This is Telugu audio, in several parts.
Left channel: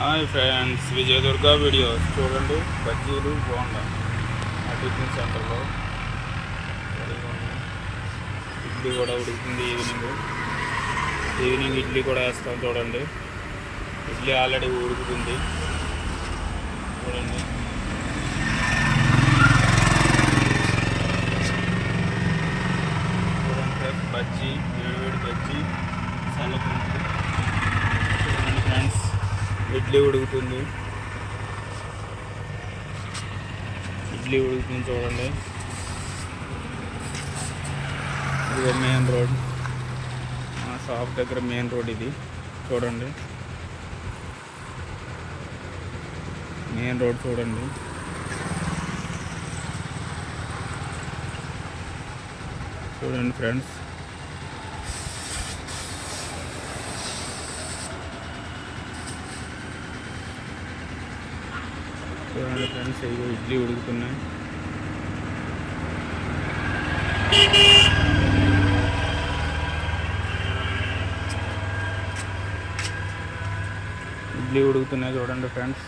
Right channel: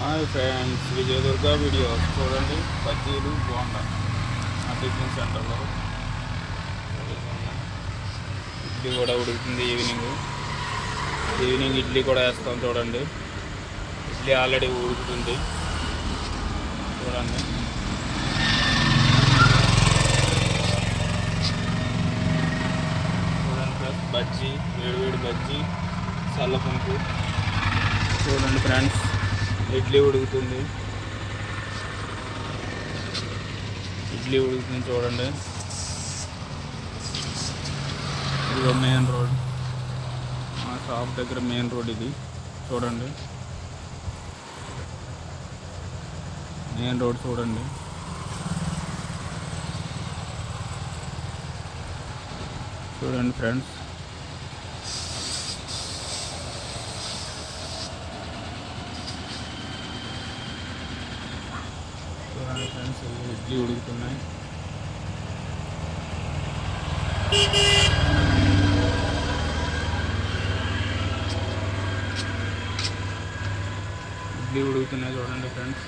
హాయ్ ఫ్రెండ్స్, విజయదుర్గ వీడియోస్ చూడండి. బజ్జీలు బోండా ఆ టిఫిన్ సెంటర్లో ఇడ్లీ కూడా ఉడుకుతుంది. ఈవినింగ్ ఇడ్లీ కూడా వేస్తాం. చూడండి, ఇడ్లీ ఆల్రెడీ ఉడుకుతుంది. చూడండి, ఫ్రెండ్స్, బజ్జీ, వేడివేడి బజ్జీ, చల్లపంపు. చూడండి ఫ్రెండ్స్, ఇడ్లీ ఉడుకుతుంది. చూడండి, ఇదిగో మెయిన్ రోడ్, మా షాప్ దగ్గర మెయిన్ రోడ్ ఇది. చూడండి, మెయిన్ రోడ్ చూడండి. చూడండి ఫ్రెండ్స్, ఇవి ఇడ్లీ ఉడుకుతున్నాయి. చూడండి ఫ్రెండ్స్.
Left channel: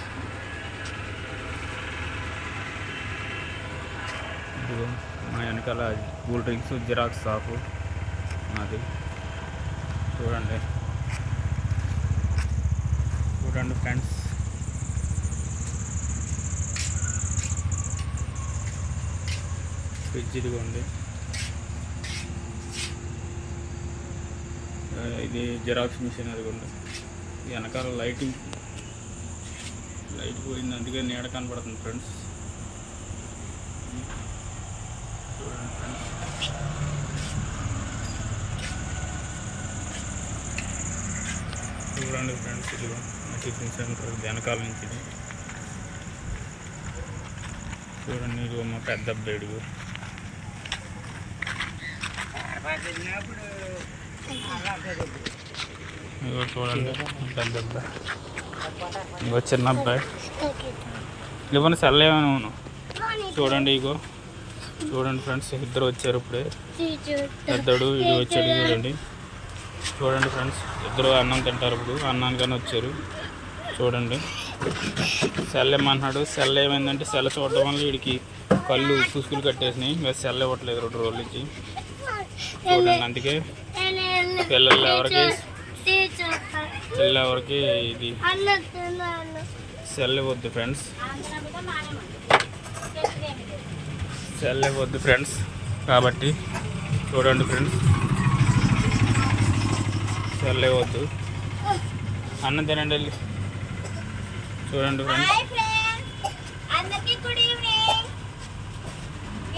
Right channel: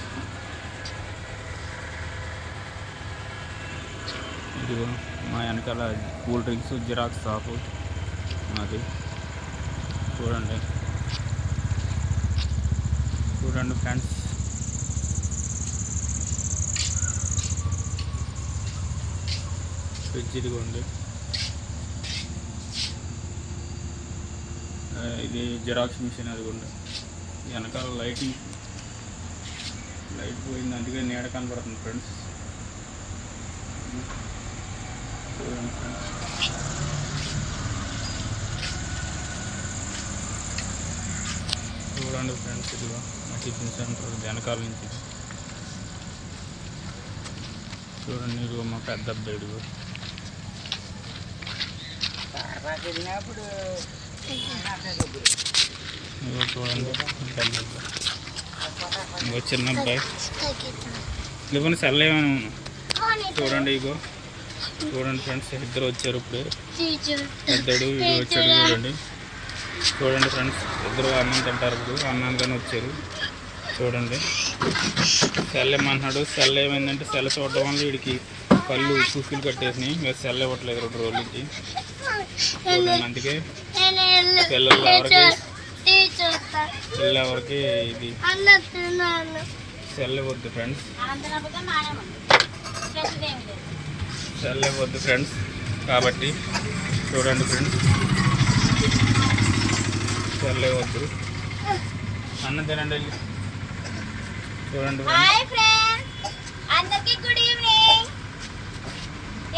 ఇదిగో మా వెనకాల కూల్ డ్రింక్స్ జిరాక్స్ షాపు మాది. చూడండి ఫ్రెండ్స్, ఫ్రిడ్జ్ ఇదిగోండి. ఇది జిరాక్స్ మిషన్ అదిగోండి. వెనకాల లైట్ పోయింది, అందుకే నీడ కనపడుతుంది ఫ్రెండ్స్. చూడండి ఫ్రెండ్స్, ఇదిగో మా టిఫిన్ సెంటర్ వెనకాల నుంచి. చూడండి, ఇదిగో మా పెద్ద అబ్బాయి. ఇదిగో చూడండి, పెద్ద అబ్బాయి. ఇంకో చిన్న అబ్బాయి. ఇవ్వండి సెల్ ఏమైనా. చూడండి, చూడండి ఫ్రెండ్స్, ఇద్దరు వచ్చారు ఇప్పుడే. పెద్దడు ఇది వచ్చాడు. చూడండి ఫ్రెండ్స్, ఇద్దరు అన్నం తింటారు. ఇప్పుడు అన్నానికని వచ్చారు. చూడండి, సెల్ ఏమన్నాడు. సెల్ ఏమైందంటే సెల్ చూడడం వల్ల వీడికి కళ్ళు పుసుకులు కట్టేసినాయి. ఇంకా సెల్ ఇవ్వట్లేదు 2 రోజుల నుంచి. చూడండి, అందుకే పిల్లలు ఎవరికి ఇది సెల్ ఇవ్వద్దు ఫ్రెండ్స్. కాబట్టి చూడండి ఫ్రెండ్స్, సెల్ ఇవ్వద్దు. అన్నం తినండి వెళ్ళి. చూడండి ఫ్రెండ్స్, అందరికీ గుడ్ ఈవినింగ్.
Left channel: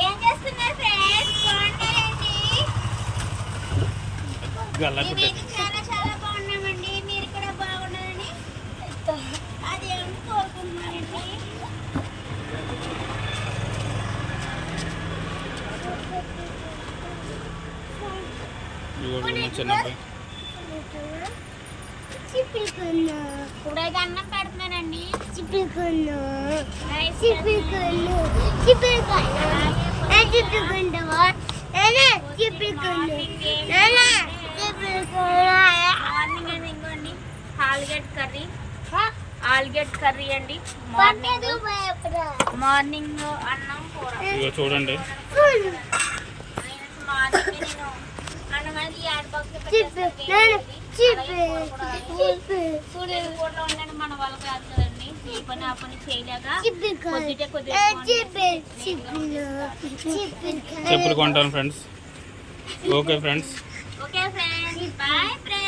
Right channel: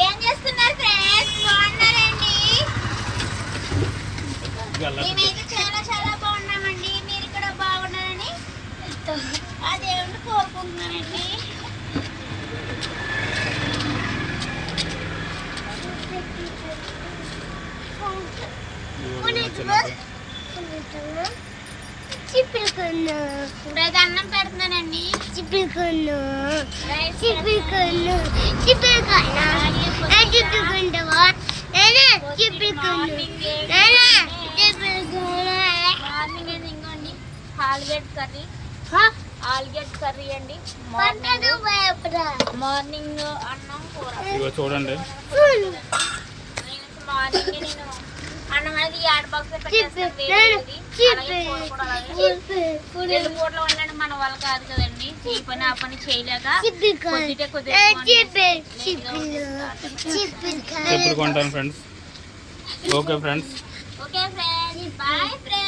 ఏం చేస్తున్నారు ఫ్రెండ్స్? బాగున్నారండి? మేమైతే చాలా బాగున్నామండి. మీరు కూడా బాగున్నారని ఆ దేవుడిని కోరుకుంటున్నానండి. ఇప్పుడైతే అన్నం పెడుతున్నానండి. మార్నింగ్ ఇంకోండి ఆలుగడ్డ కర్రీ అండి. మార్నింగ్ అన్నం కూర. చూడండి, మార్నింగ్ నేను అన్నం అనేది యాడ్ బాక్స్ పూటలో ఉండండి. మన వాళ్ళు కాదు కదండి, ఈ పని ఆ పని చేయలేక చెప్పులు కొంటాను friends. Okay friends, boy friends.